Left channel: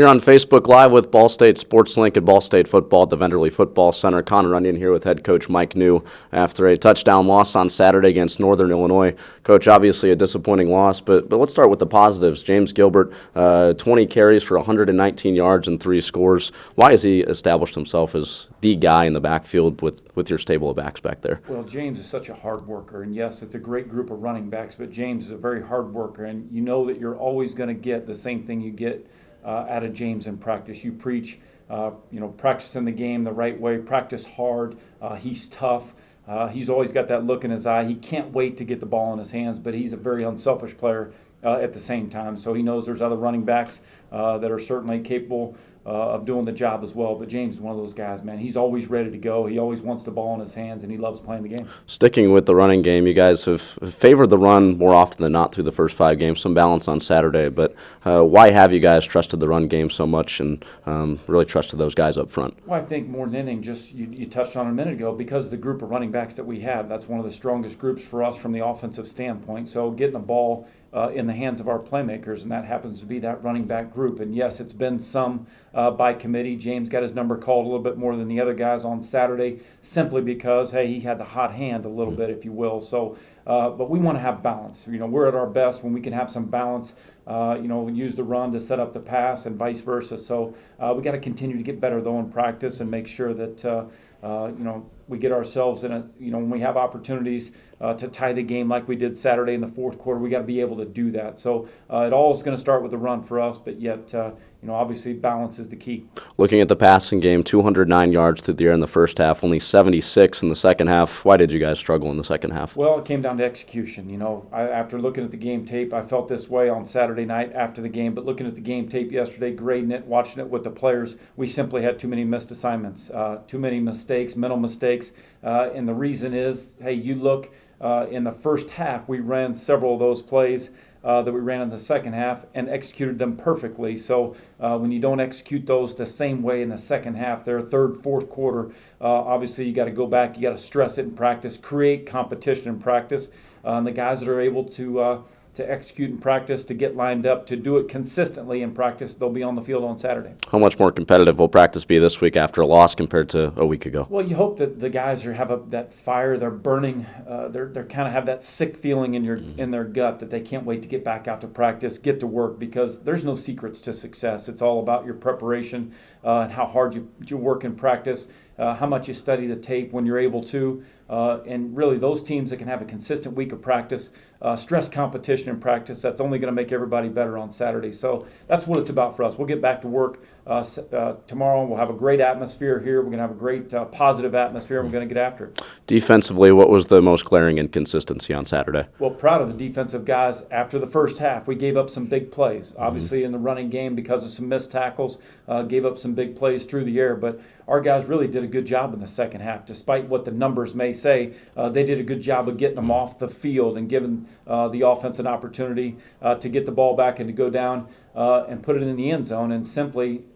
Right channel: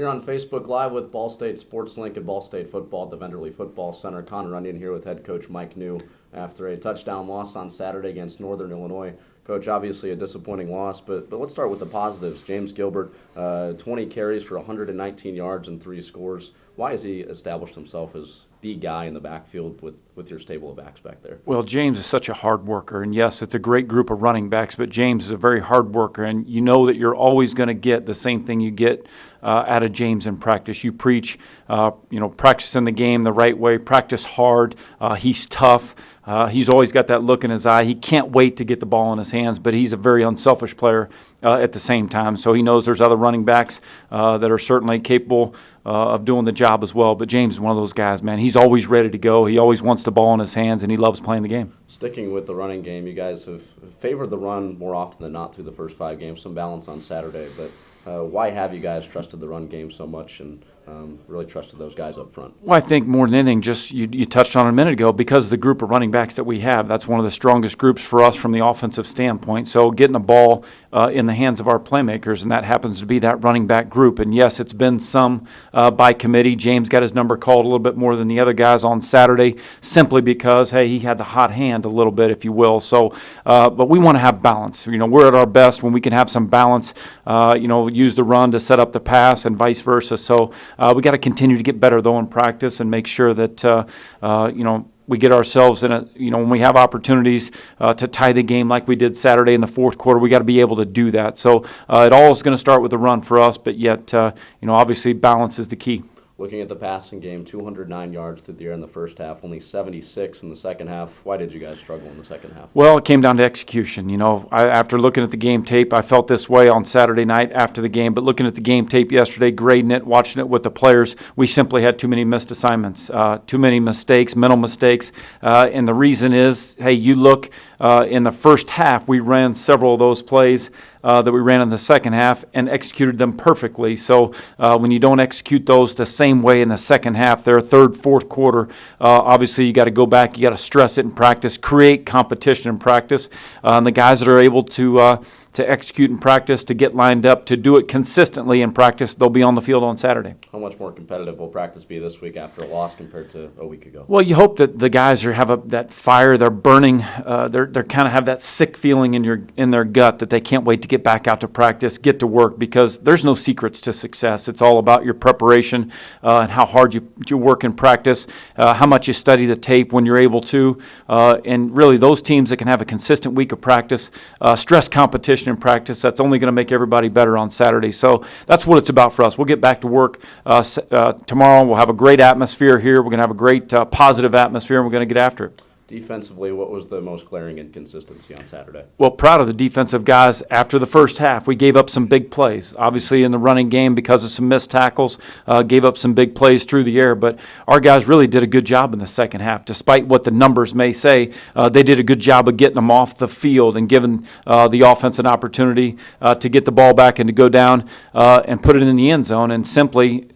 Here on Facebook Live with Ball State Sports Link and Ball State Football at the Venderly Football Center. Connor Runyon here with head coach Mike Neu after a touchdown loss on Saturday against Northern Illinois. Coach, obviously a disappointing loss, but let's start with the positives. James Gilbert, 20 carries for 119 yards and 3 scores. Why has he established himself as the guy in the backfield with your stable of backs back there? Well, James is such a hard worker, and yes, it's a great group of running backs, but James is a very hard worker, and you know that you're always going to get the same thing you get out of James in practice. You preach, practicing the game the right way, practice hard. He's tough. He's always got that look in his eye. He can't wait to get the ball in his hands, but he's a very unselfish player at the same time. So he knows there's other running backs that are certainly capable of doing the job as well. But James is one of those guys, man. He's always ready to go. He always wants the ball in his hands, and he loves playing the game. Sticking with the running game, you guys have favored the run more often than not through the first 5 games. Some balance on Saturday, but why have you guys trusted the run game so much and really trusted those guys up front? Well, I think more than anything, just you touched on it a minute ago, because of the group of running backs that we have. That's one of the strongest groups for us from the offensive standpoint. So getting the ball in the hands of our playmakers, and that happens to be that running back group. And yes, it's been some by committee. James got his number called a little bit more than the other guys on Saturday, simply because, hey, he had the hot hand a little bit, if you will. So, but we want to have balance. We're at our best when we can have some balance. Use the run to set up the pass and vice versa. So we got to continue to get better though in practice and make sure that we get ourselves in when we have opportunities to tie the game like we did Saturday in the fourth quarter, we got to be able to do that. So it all is going to start with the run for us, but yet, obviously balance is the key. Looking at the passing game, 209 yards through the air in the first half, only 76 in the second half. Why did you guys struggle in the second half? Well, it came down to execution. After looking at the game tape, I felt this way on Saturday night after the game, but looking at the game tape yesterday, grading it, watching it with the players, we simply had too many missed assignments, too many mistakes, mental mistakes. And the reason is, hey, you look in the first half, we ran several of those plays that we ran in the second half and executed them perfectly. So when you don't execute those the same way in the second half, their third, fourth quarter, obviously you got to go back, you got to stress it in practice, create competition in practice. And the guys that are able to execute in practice, to get lined up, to do it consistently in practice, they'll be on the field on Saturday. How much more competitive will practice be this week after a loss compared to a week ago? Well, you hope that the guys have that fire, they're burning, they're kind of have that sick feeling in their gut that they can't wait to get back out to practice, get to work, because there's no secrets to success. It's all about your preparation and how hard you work in practice, how much you study the tape when you're able to, and really those teams that can have a consistent week of practice, stress competition in practice, that's only going to make everybody better on Saturday. So that's what it's about for us. We'll get back to work tomorrow. We'll have a great atmosphere here. We're going to have a great positive atmosphere, and we're going to get after it. Defensively, what was the most glaring inconsistency on Saturday? Well, proud of the defensive guys. After the first half, we gave up some big plays. Obviously, in the running game, because of some missed tackles, gave up some big plays through the air. But our guys really did a good job in the second half. Despite what the numbers may say, they did a good job of getting them off the field and giving the offense an opportunity to get the ball back and to go down and put it in the end zone. And simply,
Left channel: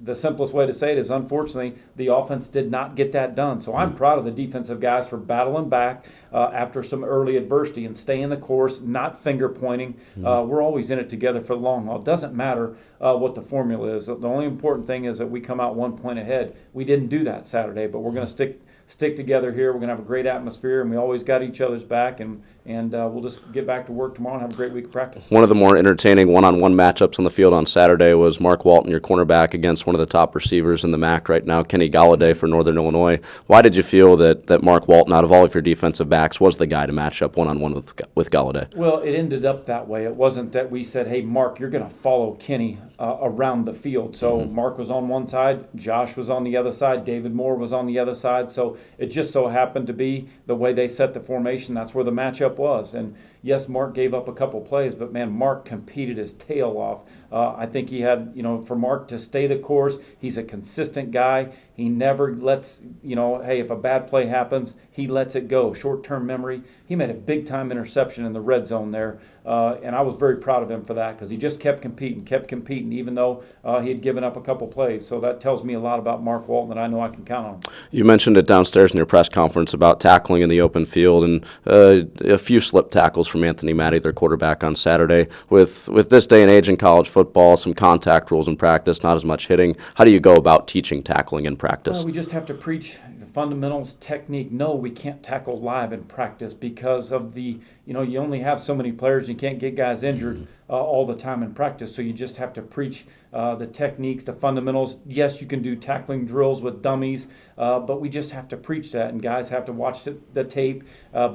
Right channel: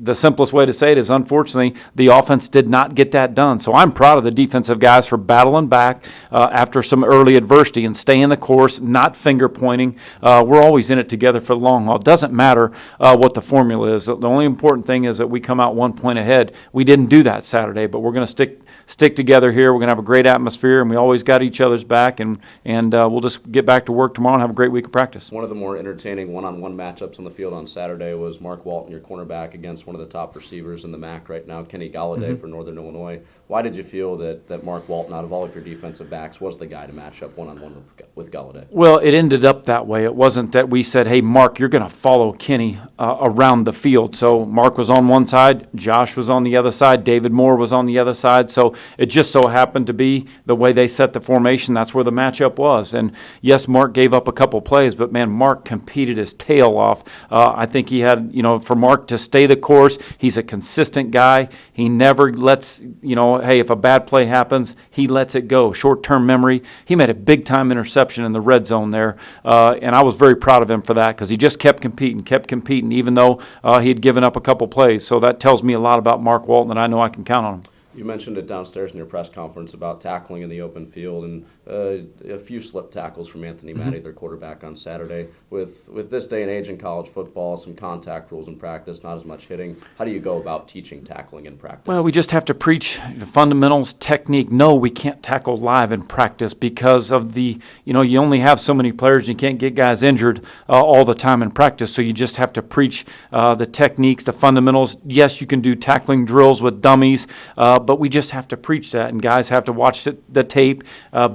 the simplest way to say it is, unfortunately, the offense did not get that done. So I'm proud of the defensive guys for battling back after some early adversity and staying the course, not finger pointing. We're always in it together for the long haul. It doesn't matter what the formula is. The only important thing is that we come out 1 point ahead. We didn't do that Saturday, but we're going to stick together here. We're going to have a great atmosphere, and we always got each other's back, and we'll just get back to work tomorrow and have a great week of practice. One of the more entertaining one-on-one matchups on the field on Saturday was Mark Walton, your cornerback, against one of the top receivers in the MAC right now, Kenny Galladay for Northern Illinois. Why did you feel that Mark Walton, out of all of your defensive backs, was the guy to match up one-on-one with Galladay? Well, it ended up that way. It wasn't that we said, hey, Mark, you're going to follow Kenny around the field. So Mark was on one side, Josh was on the other side, David Moore was on the other side. So it just so happened to be the way they set the formation. That's where the matchup was. And yes, Mark gave up a couple plays, but man, Mark competed his tail off. I think he had, for Mark to stay the course, he's a consistent guy. He never lets, hey, if a bad play happens, he lets it go. Short-term memory. He made a big-time interception in the red zone there, and I was very proud of him for that because he just kept competing, even though he had given up a couple plays. So that tells me a lot about Mark Walton, and I know I can count on him. You mentioned it down downstairs in your press conference about tackling in the open field and a few slip tackles from Anthony Matty, their quarterback, on Saturday. With this day and age in college football, some contact rules in practice, not as much hitting. How do you go about teaching tackling in practice? Well, we just have to preach the fundamentals, technique. No, we can't tackle live in practice because of the, you only have so many players. You can't get guys injured all the time in practice. So you just have to preach the techniques, the fundamentals. Yes, you can do tackling drills with dummies, but we just have to preach that. And guys have to watch the tape,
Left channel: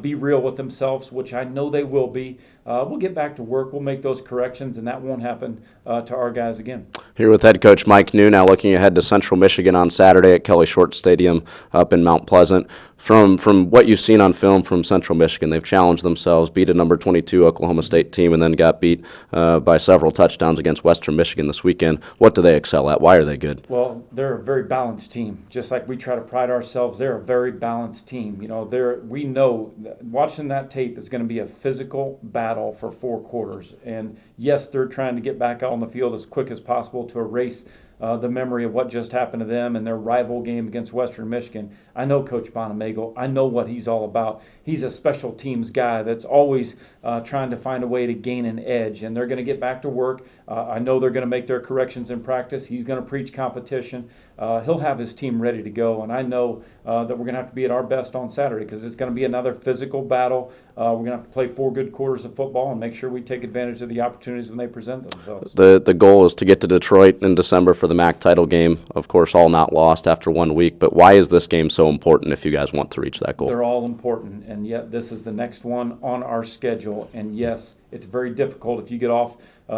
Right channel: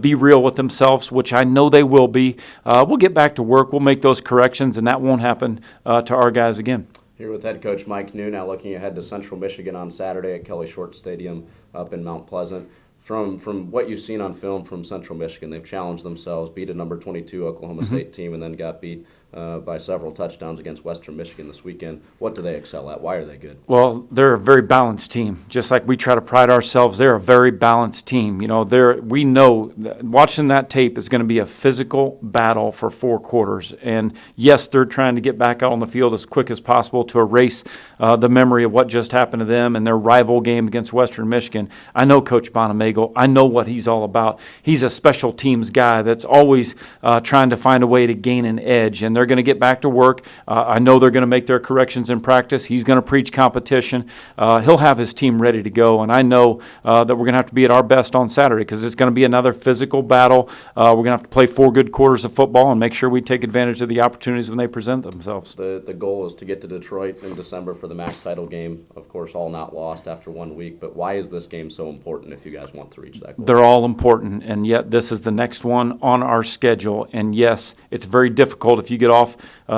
be real with themselves, which I know they will be. We'll get back to work. We'll make those corrections, and that won't happen to our guys again. Here with head coach Mike Neu, now looking ahead to Central Michigan on Saturday at Kelly Short Stadium up in Mount Pleasant. From what you've seen on film from Central Michigan, they've challenged themselves, beat a number 22 Oklahoma State team, and then got beat by several touchdowns against Western Michigan this weekend. What do they excel at? Why are they good? Well, they're a very balanced team. Just like we try to pride ourselves, they're a very balanced team. We know that watching that tape is going to be a physical battle for 4 quarters. And yes, they're trying to get back out on the field as quick as possible to erase the memory of what just happened to them and their rival game against Western Michigan. I know Coach Bonamego. I know what he's all about. He's a special teams guy that's always trying to find a way to gain an edge, and they're going to get back to work. I know they're going to make their corrections in practice. He's going to preach competition. He'll have his team ready to go, and I know that we're going to have to be at our best on Saturday because it's going to be another physical battle. We're going to have to play 4 good quarters of football and make sure we take advantage of the opportunities when they present themselves. The goal is to get to Detroit in December for the MAC title game. Of course, all not lost after 1 week, but why is this game so important if you guys want to reach that goal? They're all important, and yet this is the next one on our schedule. And yes, it's very difficult if you get off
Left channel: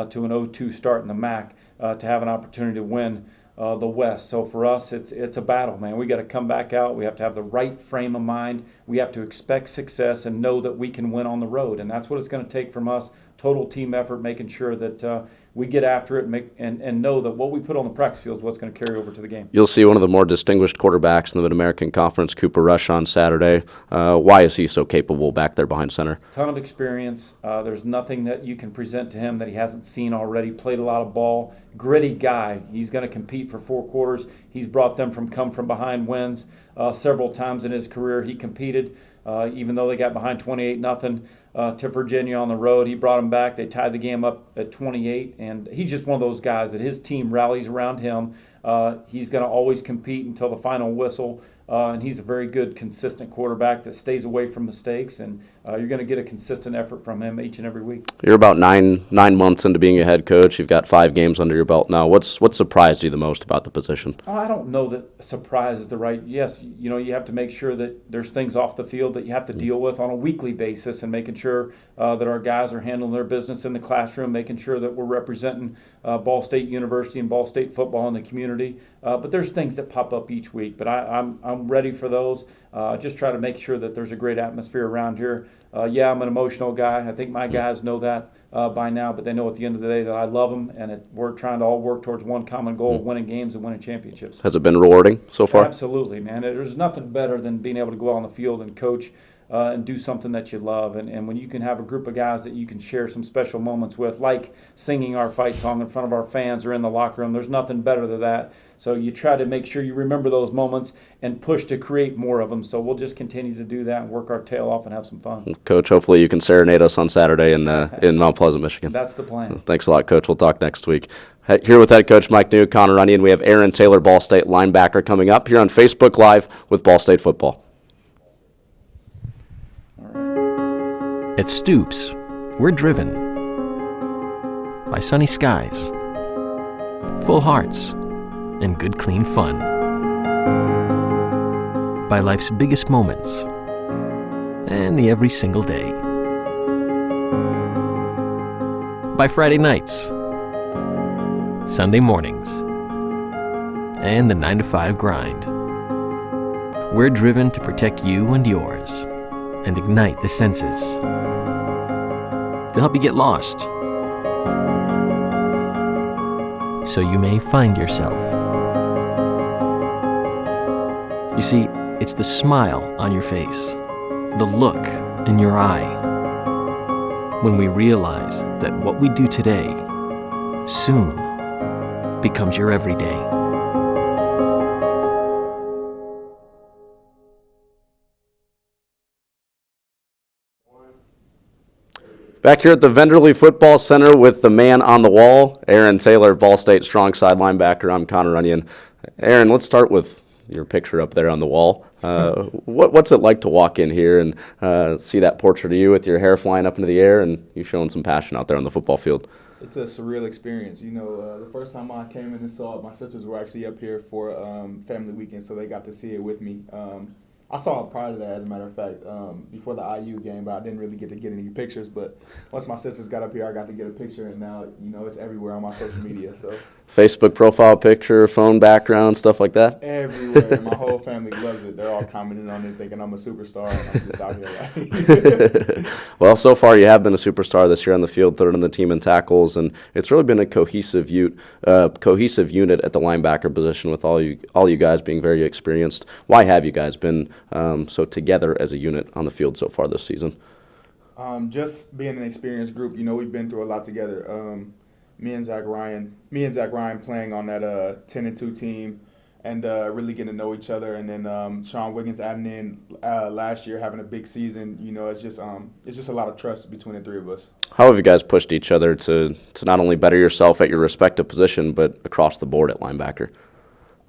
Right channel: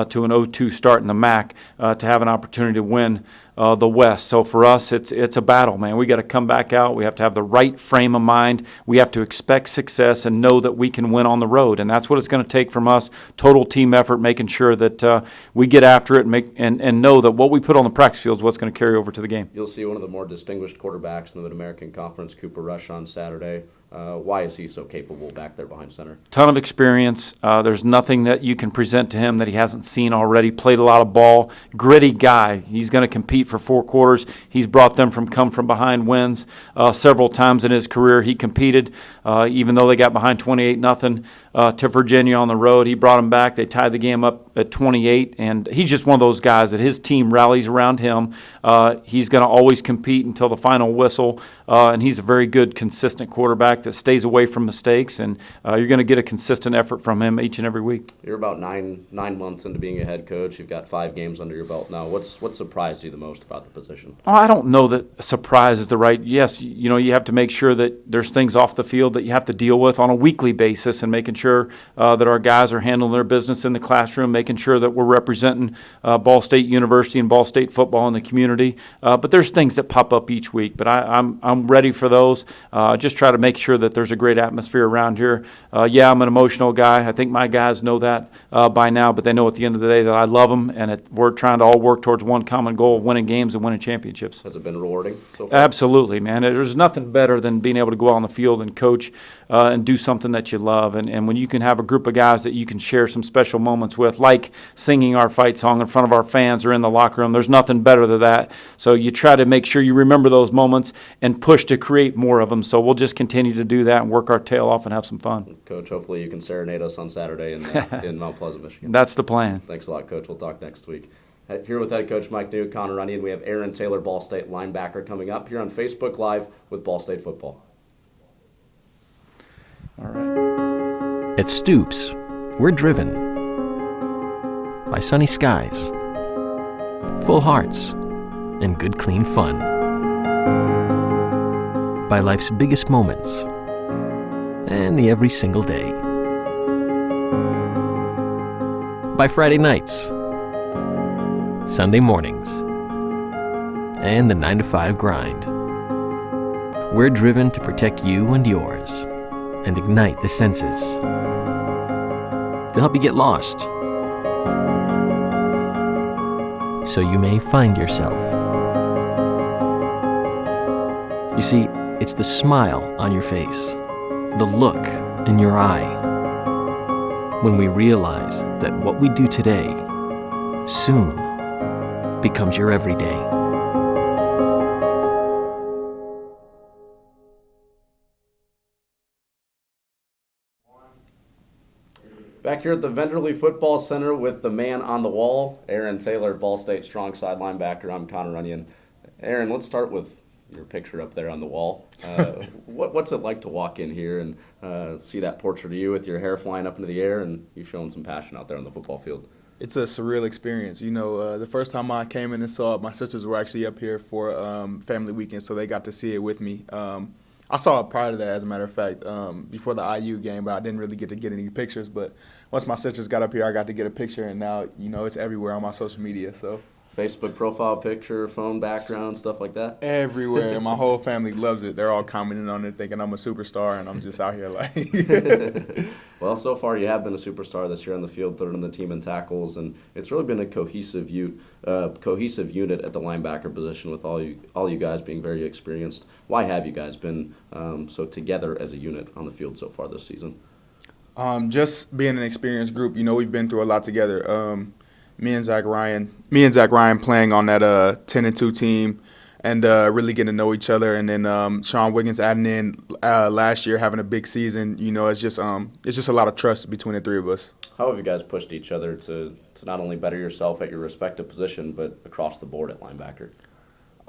to an 0-2 start in the MAC to have an opportunity to win the West. So for us, it's a battle, man. We got to come back out. We have to have the right frame of mind. We have to expect success and know that we can win on the road, and that's what it's going to take from us. Total team effort, making sure that we get after it and know that what we put on the practice field is what's going to carry over to the game. You'll see one of the more distinguished quarterbacks in the Mid-American Conference, Cooper Rush, on Saturday. Why is he so capable back there behind center? Ton of experience. There's nothing that you can present to him that he hasn't seen already. Played a lot of ball. Gritty guy. He's going to compete for 4 quarters. He's brought them from come-from-behind wins several times in his career. He competed, even though they got behind 28-0 to Virginia on the road. He brought them back. They tied the game up at 28, and he's just one of those guys that his team rallies around him. He's going to always compete until the final whistle, and he's a very good, consistent quarterback that stays away from mistakes, and you're going to get a consistent effort from him each and every week. You're about nine months into being a head coach. You've got 5 games under your belt now. What surprised you the most about the position? Oh, I don't know that surprise is the right. Yes, you have to make sure that there's things off the field that you have to deal with on a weekly basis, and making sure that our guys are handling their business in the classroom, making sure that we're representing Ball State University and Ball State football in the community. But there's things that pop up each week. But I'm ready for those. Just try to make sure that there's a great atmosphere around here. Yeah, I'm an emotional guy. I think my guys know that by now, but they know at the end of the day that I love them, and we're trying to all work towards one common goal of winning games and winning championships. Has it been rewarding so far? Absolutely, man. There's nothing better than being able to go out on the field and coach and do something that you love. And when you can have a group of guys that you can share some special moments with, like singing our fight song in front of our fans or in the locker room, there's nothing better than that. So you try to make sure you remember those moments and push to create more of them. So we'll just continue to do that and work our tail off and have some fun. Coach, hopefully you can serenade us on Saturday in Mount Pleasant, Michigan. That's the plan. Thanks a lot, Coach. We'll talk next week. Here with head coach Mike Neu, Connor Runyon. We have Aaron Taylor, Ball State linebacker, coming up here on Facebook Live with Ball State Football. At Stoops, we're driven by sunny skies, full hearts, and good clean fun. By life's biggest moments and the every single day. By Friday nights, Sunday mornings, and the 9-to-5 grind. We're driven to protect you and yours and ignite the senses to help you get lost so you may find yourself. You see, it's the smile on your face, the look in your eye, when we realize that what we do today soon becomes your everyday. Back here at the Venderly Football Center with the man on the wall, Aaron Taylor, Ball State strong side linebacker. I'm Connor Runyon. Aaron, let's start with your picture up there on the wall. What's it like to walk in here and see that portrait of you with your hair flying up into the air and you showing some passion out there on the football field? It's a surreal experience. You know, the first time I came in and saw it, my sisters were actually up here for family weekend, so they got to see it with me. I saw it prior to that, as a matter of fact, before the IU game, but I didn't really get to get any pictures. But once my sisters got up here, I got to get a picture, and now, you know, it's everywhere on my social media. So Facebook profile picture, phone background, stuff like that? everywhere, and my whole family loves it. They're all commenting on it, thinking I'm a superstar, and I'm just out here like. Well, so far you have been a superstar this year on the field, third on the team in tackles, and it's really been a cohesive unit at the linebacker position with all you guys being very experienced. Why have you guys been so together as a unit on the field so far this season? Just being an experienced group, you know, we've been through a lot together. Me and Zach Ryan playing on that 10-2 team, and really getting to know each other. And then Sean Wiggins adding in last year, having a big season. You know, it's just a lot of trust between the three of us. How have you guys pushed each other to not only better yourself at your respective position, but across the board at linebacker?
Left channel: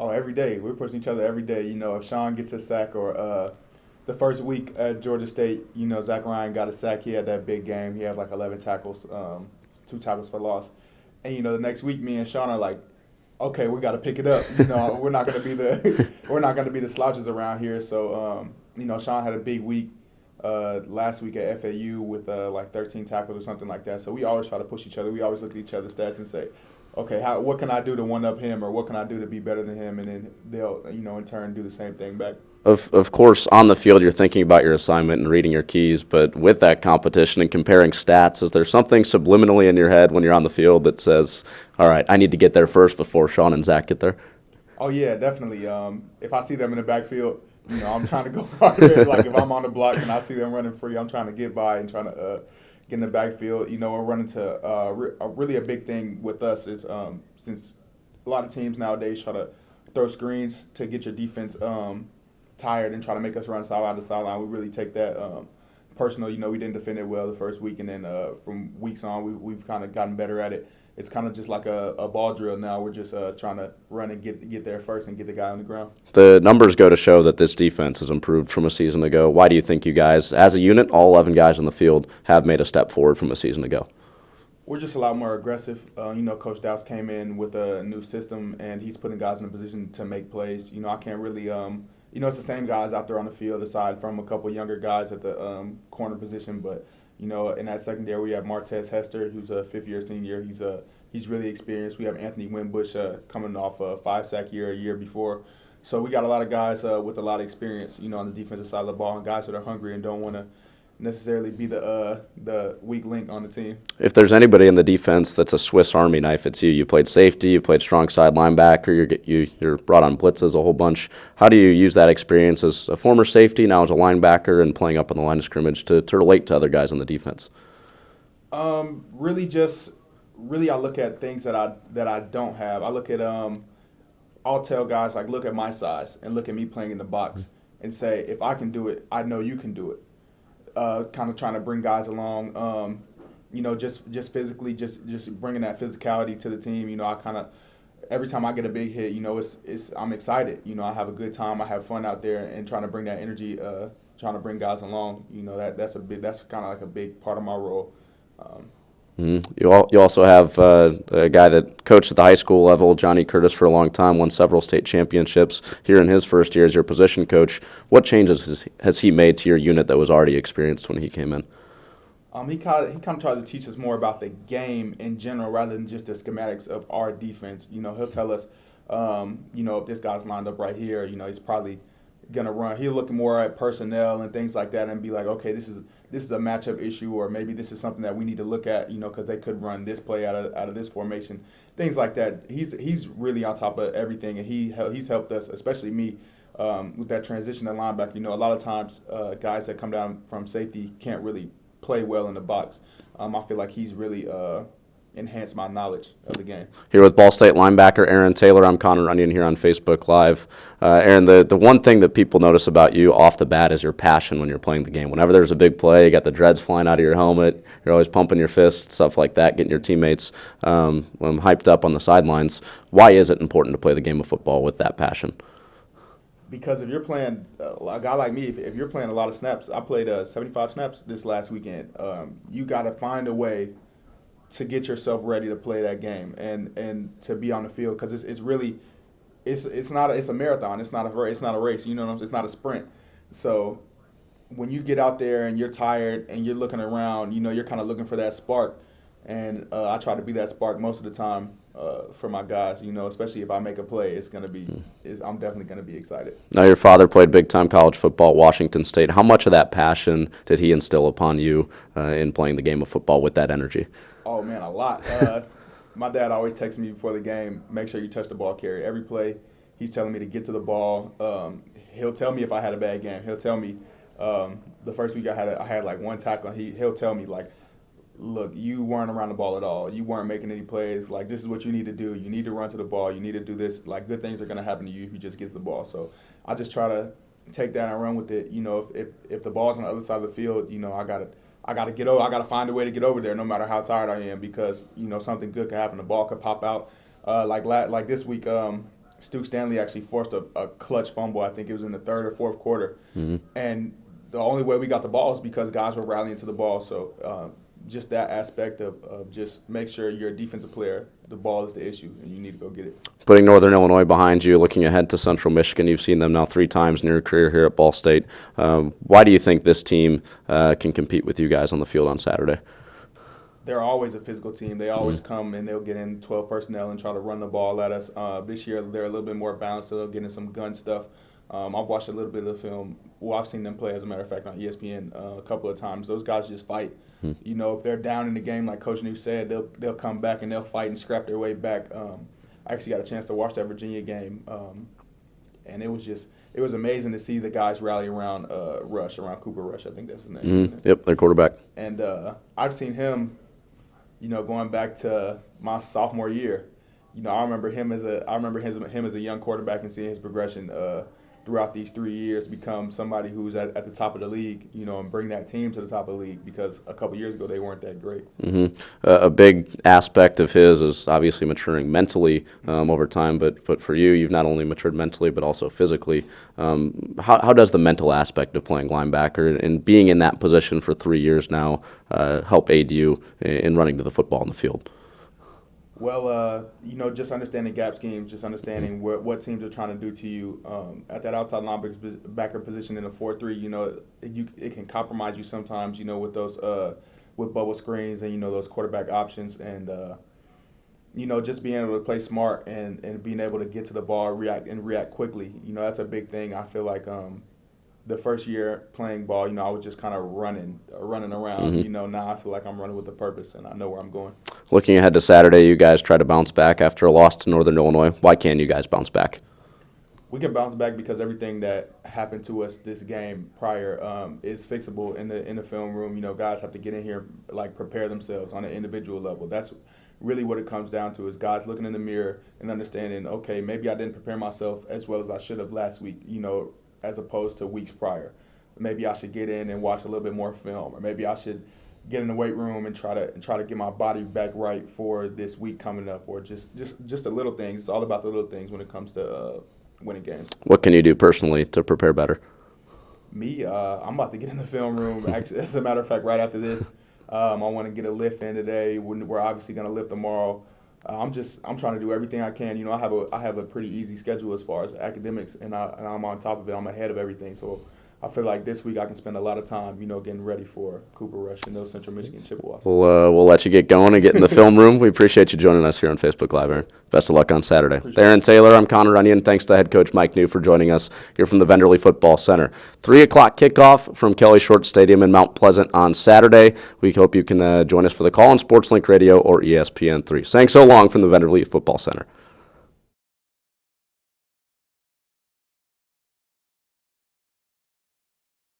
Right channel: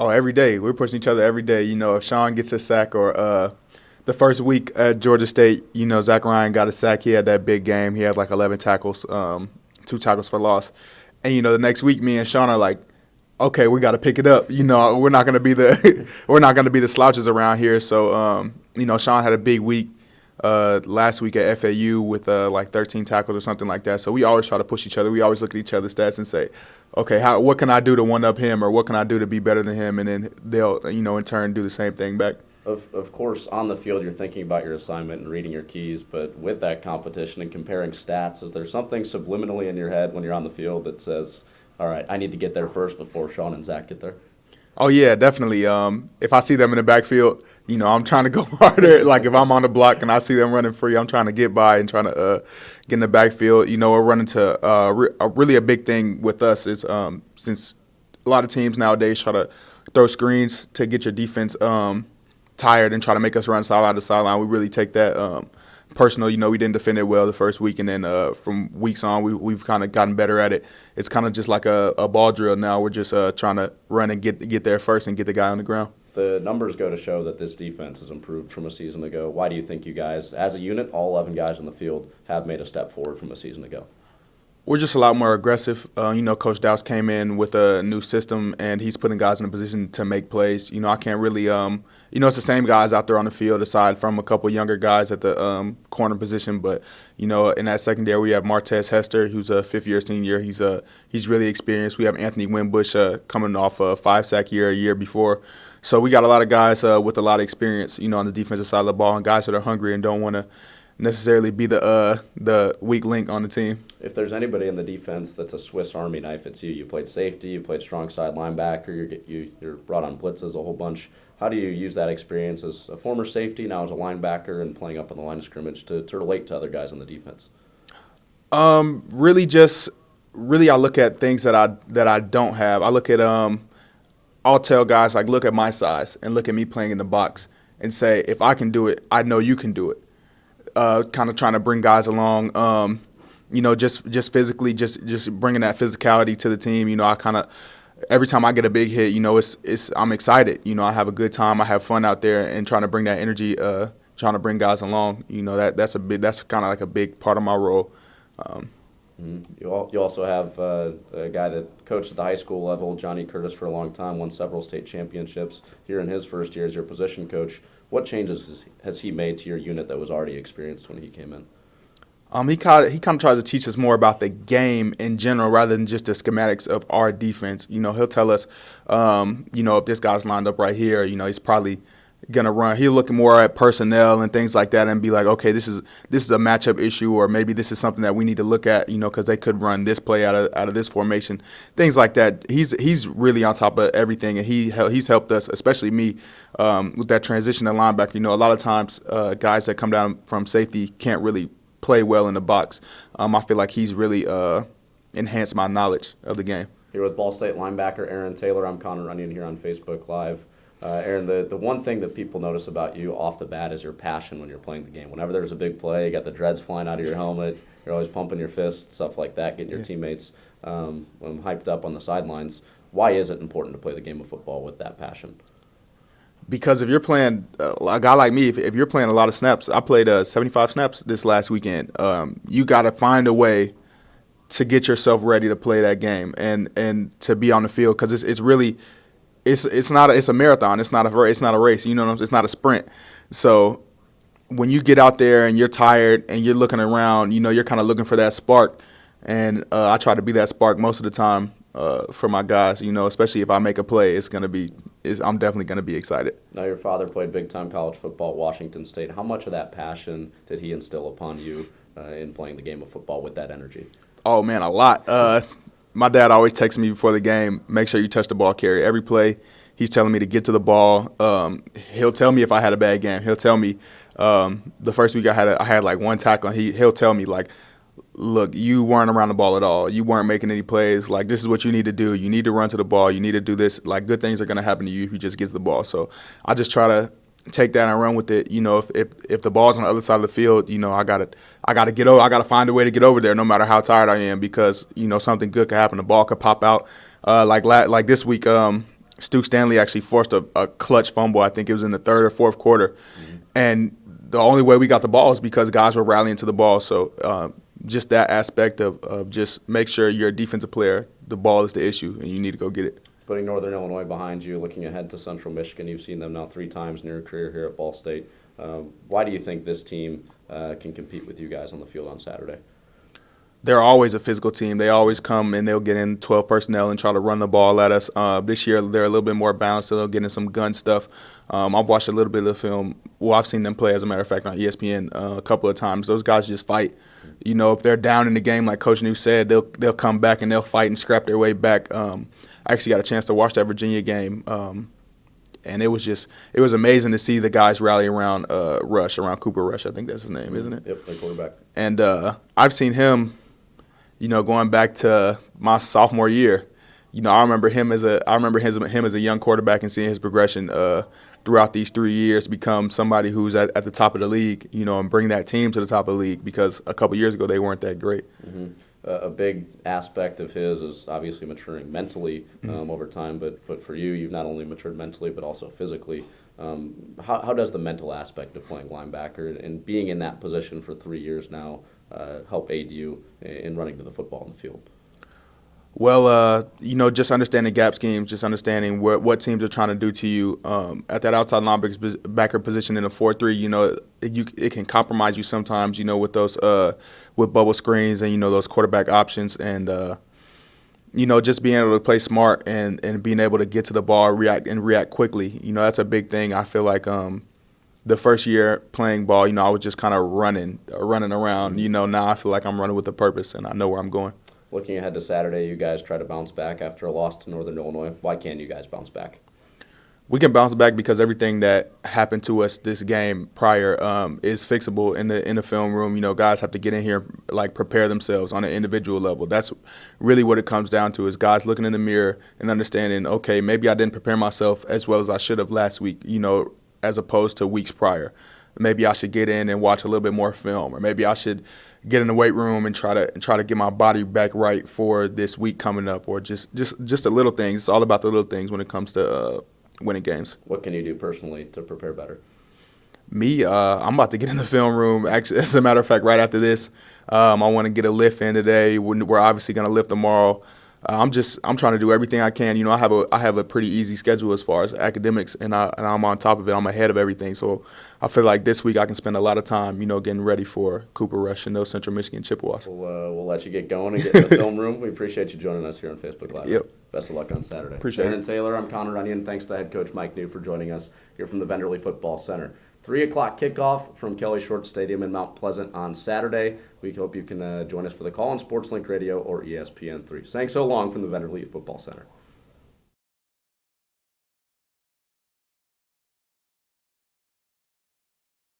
Oh, every day. We're pushing each other every day. You know, if Sean gets a sack or the first week at Georgia State, you know, Zach Ryan got a sack. He had that big game. He had like 11 tackles, 2 tackles for loss. And, you know, the next week, me and Sean are like, okay, we got to pick it up. You know, we're not going to be the slouches around here. So, you know, Sean had a big week last week at FAU with like 13 tackles or something like that. So we always try to push each other. We always look at each other's stats and say, okay, what can I do to one-up him, or what can I do to be better than him? And then they'll, you know, in turn do the same thing back. Of course, on the field, you're thinking about your assignment and reading your keys, but with that competition and comparing stats, is there something subliminally in your head when you're on the field that says, all right, I need to get there first before Sean and Zach get there? Oh, yeah, definitely. If I see them in the backfield, you know, I'm trying to go harder. Like if I'm on the block and I see them running free, I'm trying to get by and trying to get in the backfield. You know, we're running to really a big thing with us is since a lot of teams nowadays try to throw screens to get your defense tired and try to make us run sideline to sideline. We really take that personal. You know, we didn't defend it well the first week, and then from weeks on, we've kind of gotten better at it. It's kind of just like a ball drill now. We're just trying to run and get there first and get the guy on the ground. The numbers go to show that this defense has improved from a season ago. Why do you think you guys, as a unit, all 11 guys on the field, have made a step forward from a season ago? We're just a lot more aggressive. You know, Coach Dowse came in with a new system, and he's putting guys in a position to make plays. You know, I can't really you know, it's the same guys out there on the field aside from a couple younger guys at the corner position. But, you know, in that secondary, we have Martez Hester, who's a fifth-year senior. He's really experienced. We have Anthony Winbush coming off a 5-sack year a year before. So we got a lot of guys with a lot of experience, you know, on the defensive side of the ball, and guys that are hungry and don't want to necessarily be the weak link on the team. If there's anybody in the defense that's a Swiss Army knife, it's you. You played safety, you played strong side linebacker, you're brought on blitzes a whole bunch. How do you use that experience as a former safety, now as a linebacker, and playing up on the line of scrimmage to relate to other guys on the defense? Really, I look at things that I don't have. I look at I'll tell guys, like, look at my size and look at me playing in the box and say, if I can do it, I know you can do it. Kind of trying to bring guys along, you know, just physically, just bringing that physicality to the team. You know, I kind of every time I get a big hit, you know, I'm excited. You know, I have a good time, I have fun out there, and trying to bring that energy, trying to bring guys along. You know, that's kind of like a big part of my role. You also have a guy that coached at the high school level, Johnny Curtis, for a long time, won several state championships here in his first year as your position coach. What changes has he made to your unit that was already experienced when he came in? He kind of tries to teach us more about the game in general rather than just the schematics of our defense. You know, he'll tell us, you know, if this guy's lined up right here, you know, he's probably gonna run. He'll look more at personnel and things like that and be like, okay, this is a matchup issue, or maybe this is something that we need to look at, you know, because they could run this play out of this formation, things like that. He's really on top of everything, and he's helped us, especially me, with that transition to linebacker. You know, a lot of times guys that come down from safety can't really play well in the box. I feel like he's really enhance my knowledge of the game. Here with Ball State linebacker Aaron Taylor, I'm Connor Runyon here on Facebook Live. Aaron, the one thing that people notice about you off the bat is your passion when you're playing the game. Whenever there's a big play, you got the dreads flying out of your helmet, you're always pumping your fist, stuff like that, getting your teammates hyped up on the sidelines. Why is it important to play the game of football with that passion? Because if you're playing, a guy like me, if you're playing a lot of snaps, I played 75 snaps this last weekend. You got to find a way to get yourself ready to play that game and to be on the field, because it's really it's a marathon. It's not a race. You know, it's not a sprint. So when you get out there and you're tired and you're looking around, you know, you're kind of looking for that spark. And I try to be that spark most of the time for my guys. You know, especially if I make a play, I'm definitely gonna be excited. Now, your father played big-time college football at Washington State. How much of that passion did he instill upon you in playing the game of football with that energy? Oh, man, a lot. My dad always texts me before the game, make sure you touch the ball carrier. Every play, he's telling me to get to the ball. He'll tell me if I had a bad game. He'll tell me the first week I had like one tackle. He'll tell me, like, look, you weren't around the ball at all. You weren't making any plays. Like, this is what you need to do. You need to run to the ball. You need to do this. Like, good things are going to happen to you if you just get to the ball. So I just try to take that and run with it. You know, if the ball's on the other side of the field, you know, I gotta get over. I gotta find a way to get over there, no matter how tired I am, because you know something good could happen. The ball could pop out. Like this week, Stoops Stanley actually forced a clutch fumble. I think it was in the third or fourth quarter, and the only way we got the ball is because guys were rallying to the ball. So just that aspect of just make sure you're a defensive player. The ball is the issue, and you need to go get it. Putting Northern Illinois behind you, looking ahead to Central Michigan, you've seen them now 3 times in your career here at Ball State. Why do you think this team can compete with you guys on the field on Saturday? They're always a physical team. They always come and they'll get in 12 personnel and try to run the ball at us. This year they're a little bit more balanced, so they'll get in some gun stuff. I've watched a little bit of the film. Well, I've seen them play, as a matter of fact, on ESPN a couple of times. Those guys just fight. You know, if they're down in the game, like Coach Neu said, they'll come back and they'll fight and scrap their way back. I actually got a chance to watch that Virginia game, and it was amazing to see the guys rally around around Cooper Rush. I think that's his name, isn't it? Yep, their quarterback. And I've seen him, you know, going back to my sophomore year. You know, I remember him as a young quarterback and seeing his progression throughout these 3 years become somebody who's at the top of the league, you know, and bring that team to the top of the league, because a couple years ago they weren't that great. A big aspect of his is obviously maturing mentally over time, but for you, you've not only matured mentally but also physically. How does the mental aspect of playing linebacker and being in that position for 3 years now help aid you in running to the football in the field? Well, you know, just understanding gap schemes, just understanding what teams are trying to do to you. At that outside linebacker position in a 4-3, you know, it can compromise you sometimes, you know, with those with bubble screens and, you know, those quarterback options. And, you know, just being able to play smart and being able to get to the ball, react quickly. You know, that's a big thing. I feel like the first year playing ball, you know, I was just kind of running around. You know, now I feel like I'm running with a purpose and I know where I'm going. Looking ahead to Saturday, you guys try to bounce back after a loss to Northern Illinois. Why can't you guys bounce back? We can bounce back because everything that happened to us this game prior is fixable in the film room. You know, guys have to get in here, like, prepare themselves on an individual level. That's really what it comes down to, is guys looking in the mirror and understanding, okay, maybe I didn't prepare myself as well as I should have last week, you know, as opposed to weeks prior. Maybe I should get in and watch a little bit more film, or maybe I should get in the weight room and try to get my body back right for this week coming up, or just the little things. It's all about the little things when it comes to winning games. What can you do personally to prepare better? Me, I'm about to get in the film room. Actually, as a matter of fact, right after this, I want to get a lift in today. We're obviously going to lift tomorrow. I'm trying to do everything I can. You know, I have a pretty easy schedule as far as academics, and I'm on top of it. I'm ahead of everything. So I feel like this week I can spend a lot of time, you know, getting ready for Cooper Rush and those Central Michigan Chippewas. We'll let you get going and get in the film room. We appreciate you joining us here on Facebook Live. Yeah. Best of luck on Saturday. Aaron Taylor, I'm Connor Runyon. Thanks to head coach Mike Neu for joining us here from the Venderly Football Center. 3 o'clock kickoff from Kelly Short Stadium in Mount Pleasant on Saturday. We hope you can join us for the call on SportsLink Radio or ESPN3. Thanks so long from the Venderly Football Center.